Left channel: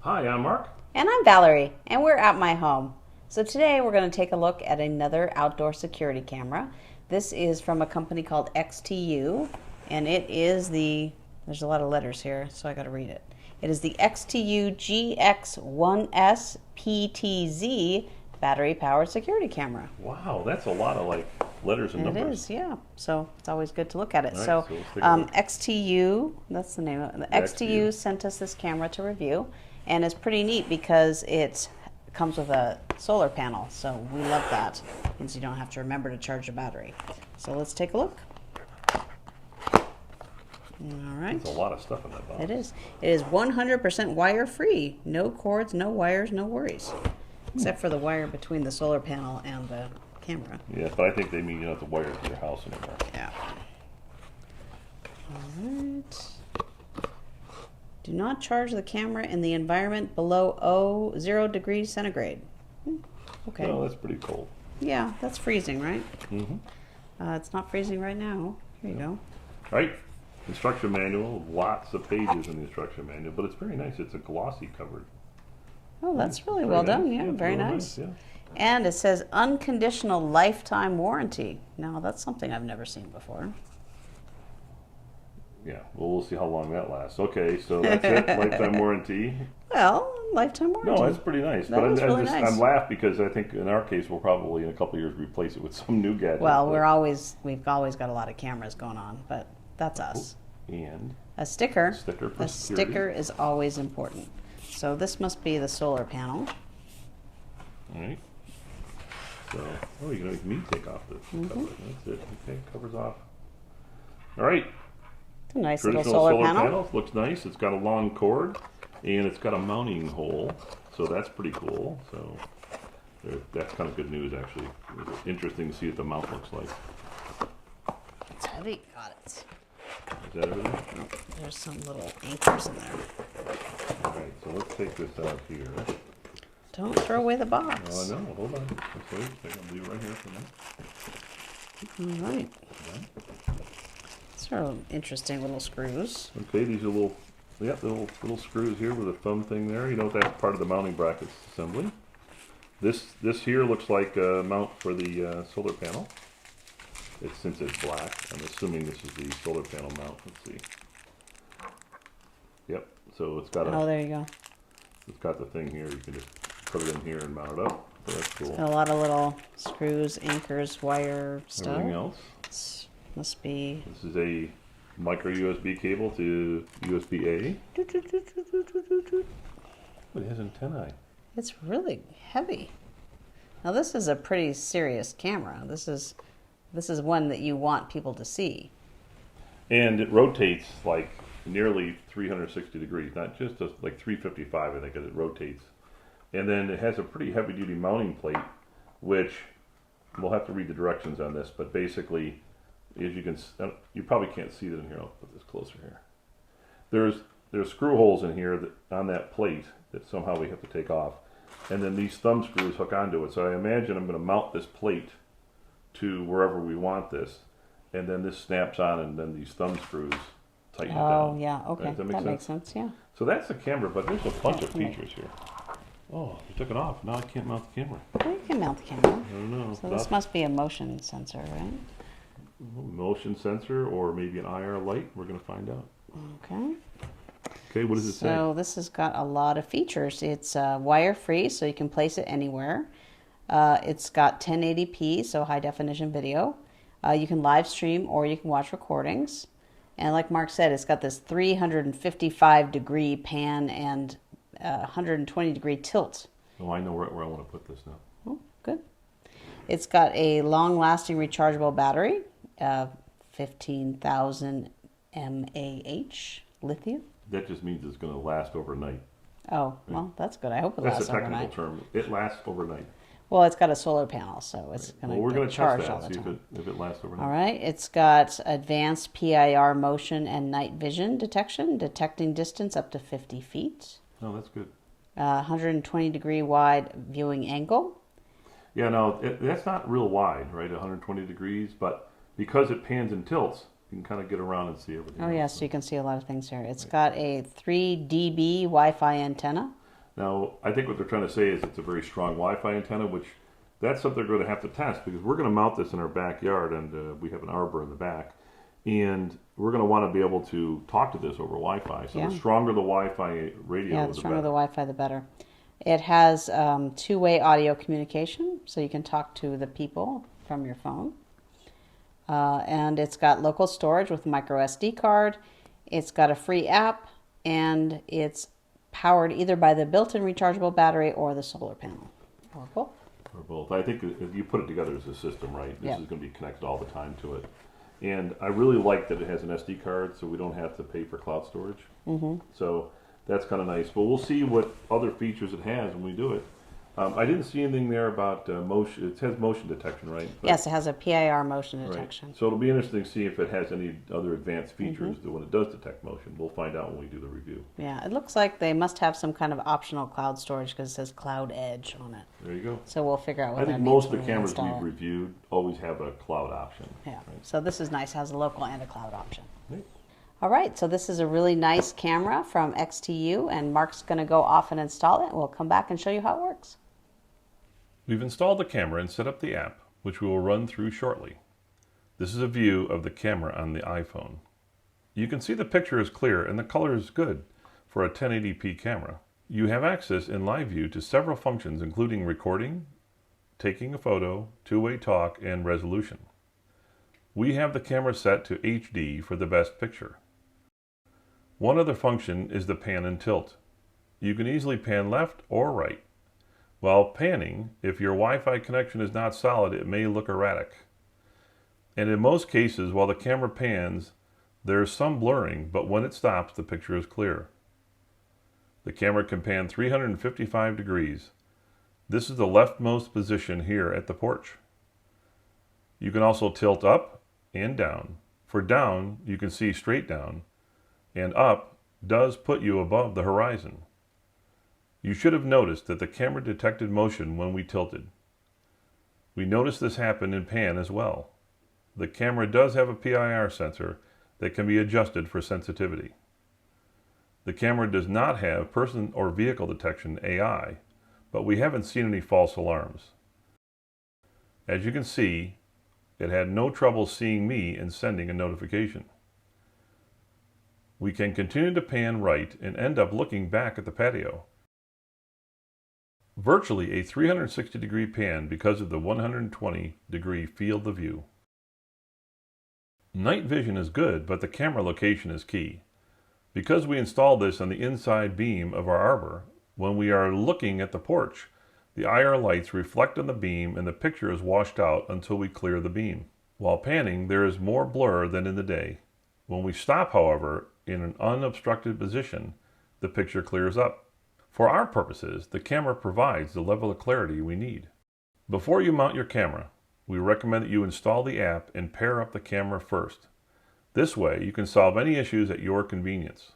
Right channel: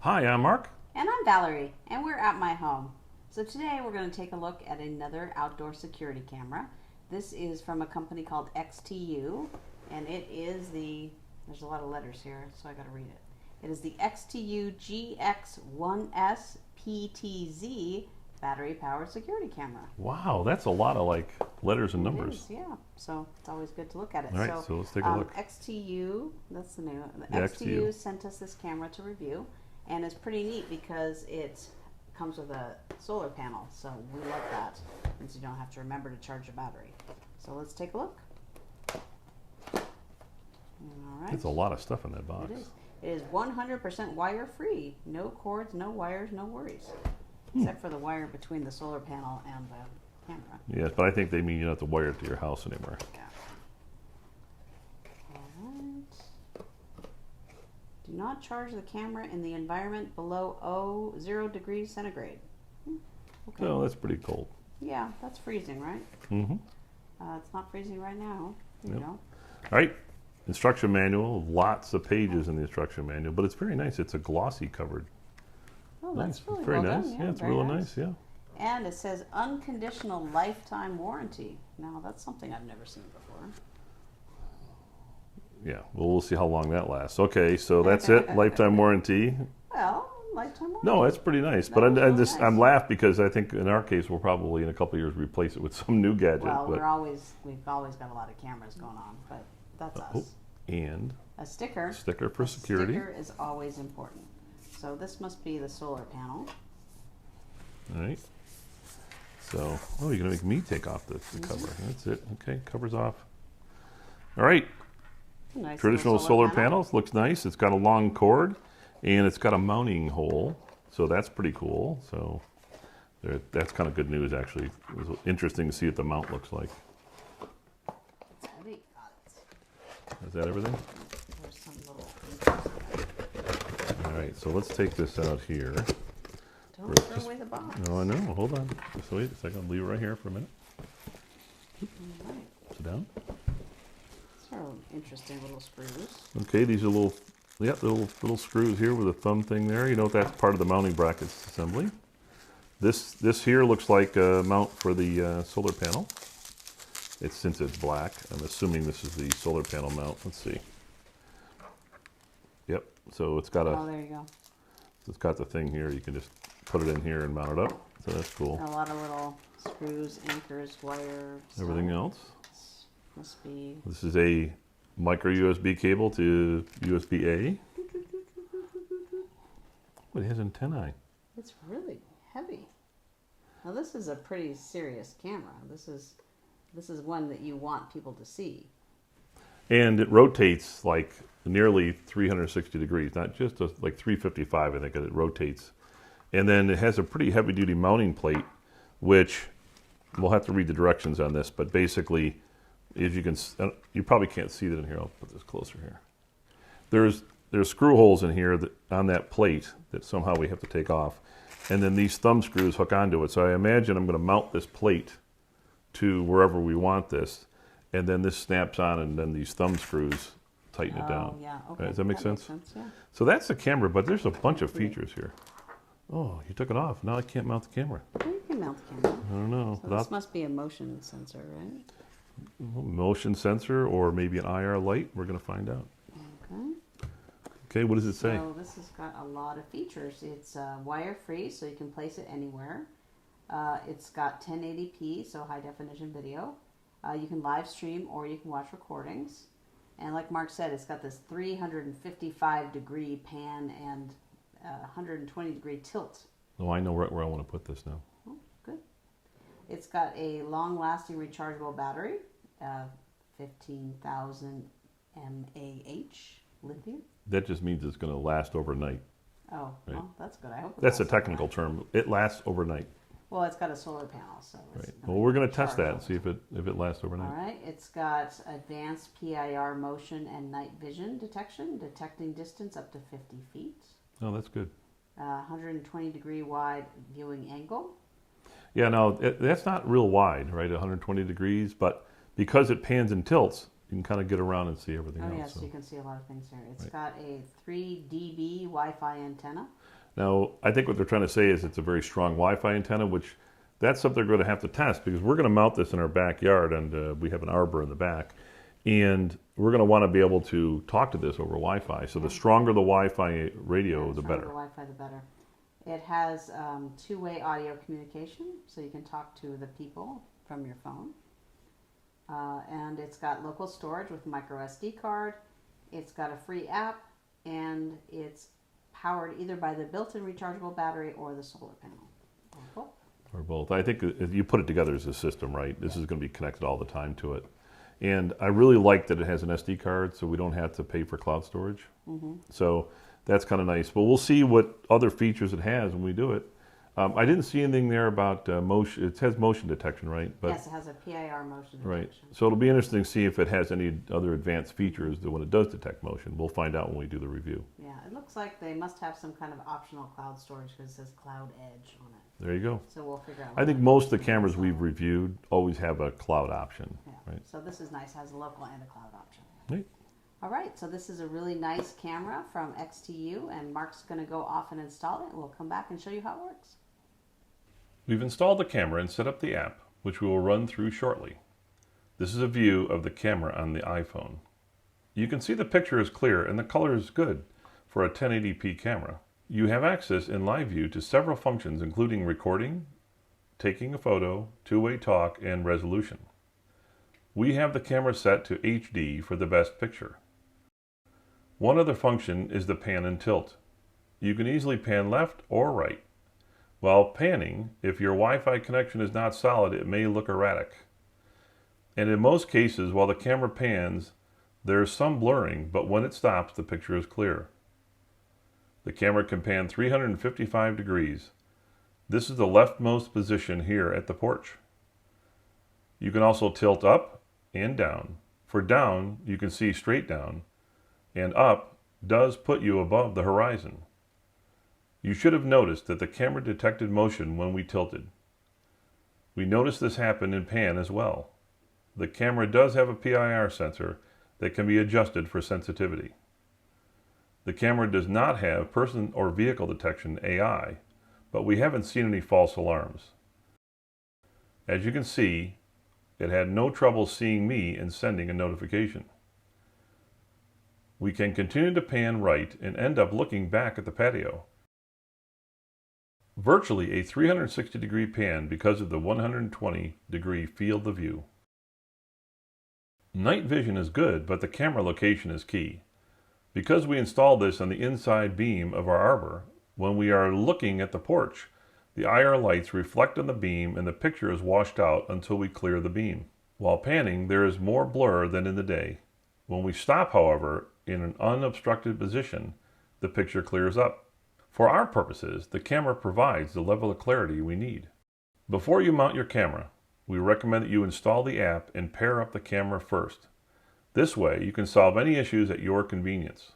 Hi, I'm Mark. And I'm Valerie, and we're at my home. So today we're going to take a look at another outdoor security camera. This is from a company called XTU, and it is there's a lot of letters here, so I got to read it. It is the XTU GX1S PTZ battery powered security camera. Wow, that's a lot of letters and It numbers. is, yeah. So it's always good to look at it. All right, So so let's take a look. XTU, that's the name of it. The The XTU. XTU sent us this camera to review, and it's pretty neat because it comes with a solar panel. So we love that. Means you don't have to remember to charge your battery. So let's take a look. All right. There's a lot of stuff in that box. It is. It is 100% wire free. No cords, no wires, no worries. Except for the wire between the solar panel and the camera. Yeah, but I think they mean you don't have to wire it to your house anymore. Yeah. All right. Do not charge the camera in the environment below 0 degrees centigrade. Okay. Oh, that's pretty cold. Yeah, that's freezing, right? Mm-hmm. It's not freezing right now. Here you go. All right, instruction manual. Lots of pages in the instruction manual, but it's very nice. It's a glossy covered. Oh, that's really Very well nice. done. Yeah, it's very real nice. Yeah. And it says unconditional lifetime warranty. Now, that's something I've never seen before. Yeah. Well, we'll see how long that lasts. Okay, so that's it. Lifetime warranty. Well, lifetime warranty. No, that's pretty nice. That But was really nice. I'm laughed because I think in our case we'll probably in a couple of years replace it with some new gadget. Well, but- we've always got a lot of cameras going on, but that's us. and A sticker. sticker for A security. sticker is always important. So this must be the solar panel. All right. So, oh, you're gonna make me take off the cover. That's it. Okay, cover's off. All right. It's a nice Traditional little solar panel. panels looks nice. It's got a long cord, and it's got a mounting hole, so that's pretty cool. So, that's kind of good news actually. It's interesting to see what the mount looks like. It's heavy. Got it. Is that everything? There's some little anchors in there. All right. So let's take this out here. Don't throw away the box. Oh, I know. Hold on. Just wait a second. I'll leave it right here for a minute. All right. Done. These are interesting little screws. Okay, these are little screws here with a thumb thing there. You know that's part of the mounting brackets assembly. This here looks like a mount for the solar panel. Since it's black, I'm assuming this is the solar panel mount. Let's see. Yep. So it's got Oh, there you go. it's got the thing here. You can just put it in here and mount it up. So that's cool. A lot of little screws, anchors, wire stuff. Everything else. Must be. This is a micro USB cable to USB A. But it has antennae. It's really heavy. Now this is a pretty serious camera. This is one that you want people to see. And it rotates like nearly 360 degrees, not just like 355, I think it rotates. And then it has a pretty heavy duty mounting plate, which we'll have to read the directions on this, but basically, as you can, you probably can't see it in here. I'll put this closer here. There's screw holes in here on that plate that somehow we have to take off. And then these thumb screws hook onto it. So I imagine I'm going to mount this plate to wherever we want this. And then this snaps on, and then these thumb screws tighten it down. Oh yeah, okay. Does that make sense? Makes sense, yeah. So that's the camera, but there's a bunch of Yeah. features here. Oh, you took it off. Now I can't mount the camera. Well, you can mount the camera. I don't know. So this must be a motion sensor, right? Motion sensor or maybe an IR light. We're going to find out. Okay. Okay, what does it say? So this has got a lot of features. It's wire free, so you can place it anywhere. It's got 1080p, so high definition video. You can live stream or you can watch recordings. And like Mark said, it's got this 355 degree pan and 120 degree tilt. Oh, I know right where I want to put this now. Oh, good. It's got a long lasting rechargeable battery, 15,000 mAh lithium. That just means it's going to last overnight. Oh, well, that's good. I hope it That's lasts a technical overnight. term. It lasts overnight. Well, it's got a solar panel, so it's Well, going to we're going to test charge all that, the see if time. it lasts overnight. All right, it's got advanced PIR motion and night vision detection, detecting distance up to 50 feet, Oh, that's good. 120 degree wide viewing angle. Yeah, no, that's not real wide, right? 120 degrees, but because it pans and tilts, you can kind of get around and see everything Oh, else. yeah, so you can see a lot of things here. It's got a 3 dB Wi-Fi antenna. Now, I think what they're trying to say is it's a very strong Wi-Fi antenna, which that's something they're going to have to test because we're going to mount this in our backyard, and we have an arbor in the back, and we're going to want to be able to talk to this over Wi-Fi. So Yeah. the stronger the Wi-Fi radio, Yeah, the the stronger better. the Wi-Fi, the better. It has two-way audio communication, so you can talk to the people from your phone. And it's got local storage with micro SD card. It's got a free app, and it's powered either by the built-in rechargeable battery or the solar panel. Or both. Or both. I think that you put it together as a system, right? This Yeah. is going to be connected all the time to it. And I really like that it has an SD card, so we don't have to pay for cloud storage. So that's kind of nice. But we'll see what other features it has when we do it. I didn't see anything there about motion. It has motion detection, right? But, Yes, it has a PIR motion right. detection. So it'll be interesting to see if it has any other advanced features that when it does detect motion. We'll find out when we do the review. Yeah, it looks like they must have some kind of optional cloud storage because it says Cloud Edge on it. There you go. So we'll figure out what I think that most means of the when we cameras install we've it. reviewed always have a cloud option. Yeah. Right. So this is nice. Has a local and a cloud option. Right. All right. So this is a really nice camera from XTU, and Mark's going to go off and install it. And we'll come back and show you how it works. We've installed the camera and set up the app, which we will run through shortly. This is a view of the camera on the iPhone. You can see the picture is clear and the color is good for a 1080p camera. You have access in live view to several functions including recording, taking a photo, two-way talk, and resolution. We have the camera set to HD for the best picture. One other function is the pan and tilt. You can easily pan left or right. While panning, if your Wi-Fi connection is not solid, it may look erratic. And in most cases, while the camera pans, there is some blurring, but when it stops, the picture is clear. The camera can pan 355 degrees. This is the leftmost position here at the porch. You can also tilt up and down. For down, you can see straight down, and up does put you above the horizon. You should have noticed that the camera detected motion when we tilted. We noticed this happen in pan as well. The camera does have a PIR sensor that can be adjusted for sensitivity. The camera does not have person or vehicle detection AI, but we haven't seen any false alarms. As you can see, it had no trouble seeing me and sending a notification. We can continue to pan right and end up looking back at the patio. Virtually a 360-degree pan because of the 120-degree field of view. Night vision is good, but the camera location is key. Because we installed this on the inside beam of our arbor, when we are looking at the porch, the IR lights reflect on the beam and the picture is washed out until we clear the beam. While panning, there is more blur than in the day. When we stop, however, in an unobstructed position, the picture clears up. For our purposes, the camera provides the level of clarity we need. Before you mount your camera, we recommend that you install the app and pair up the camera first. This way, you can solve any issues at your convenience.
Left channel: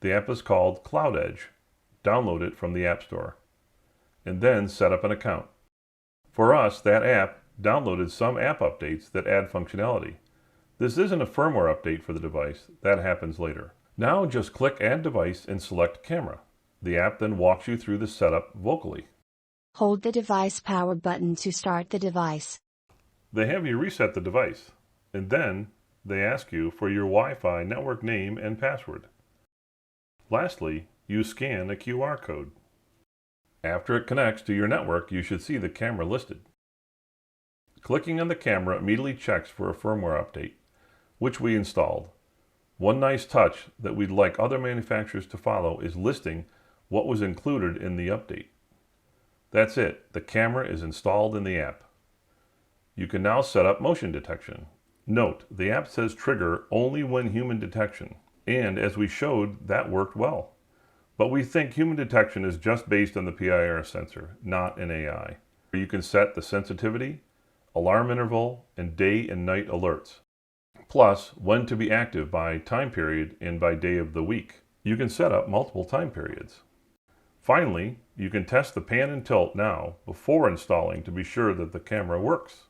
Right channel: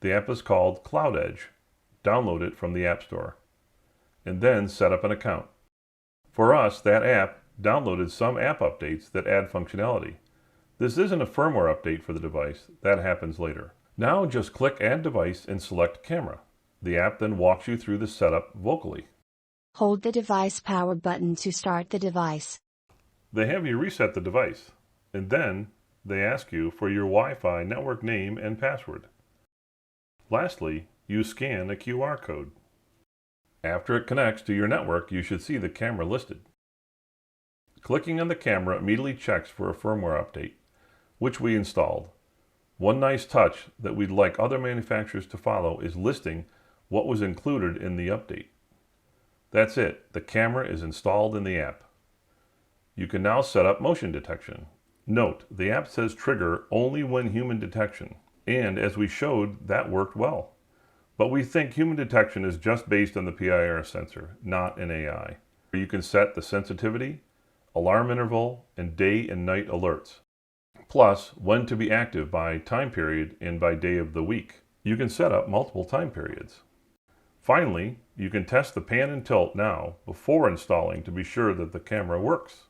The app is called Cloud Edge. Download it from the App Store. And then set up an account. For us, that app downloaded some app updates that add functionality. This isn't a firmware update for the device. That happens later. Now just click Add Device and select Camera. The app then walks you through the setup vocally. Hold the device power button to start the device. They have you reset the device, and then they ask you for your Wi-Fi network name and password. Lastly, you scan a QR code. After it connects to your network, you should see the camera listed. Clicking on the camera immediately checks for a firmware update, which we installed. One nice touch that we'd like other manufacturers to follow is listing what was included in the update. That's it. The camera is installed in the app. You can now set up motion detection. Note, the app says trigger only when human detection, and as we showed, that worked well. But we think human detection is just based on the PIR sensor, not an AI. You can set the sensitivity, alarm interval, and day and night alerts. Plus, when to be active by time period and by day of the week. You can set up multiple time periods. Finally, you can test the pan and tilt now before installing to be sure that the camera works.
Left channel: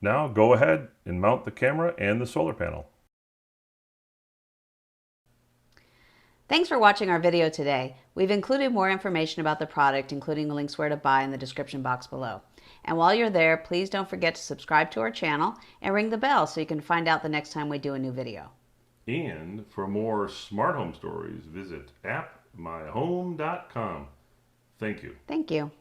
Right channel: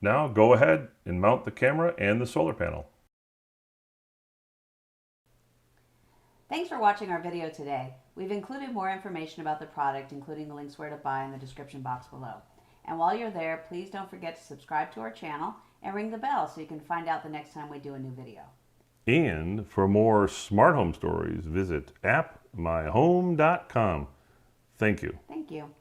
Now go ahead and mount the camera and the solar panel. Thanks for watching our video today. We've included more information about the product, including links where to buy, in the description box below. And while you're there, please don't forget to subscribe to our channel and ring the bell so you can find out the next time we do a new video. And for more smart home stories, visit appmyhome.com. Thank you. Thank you.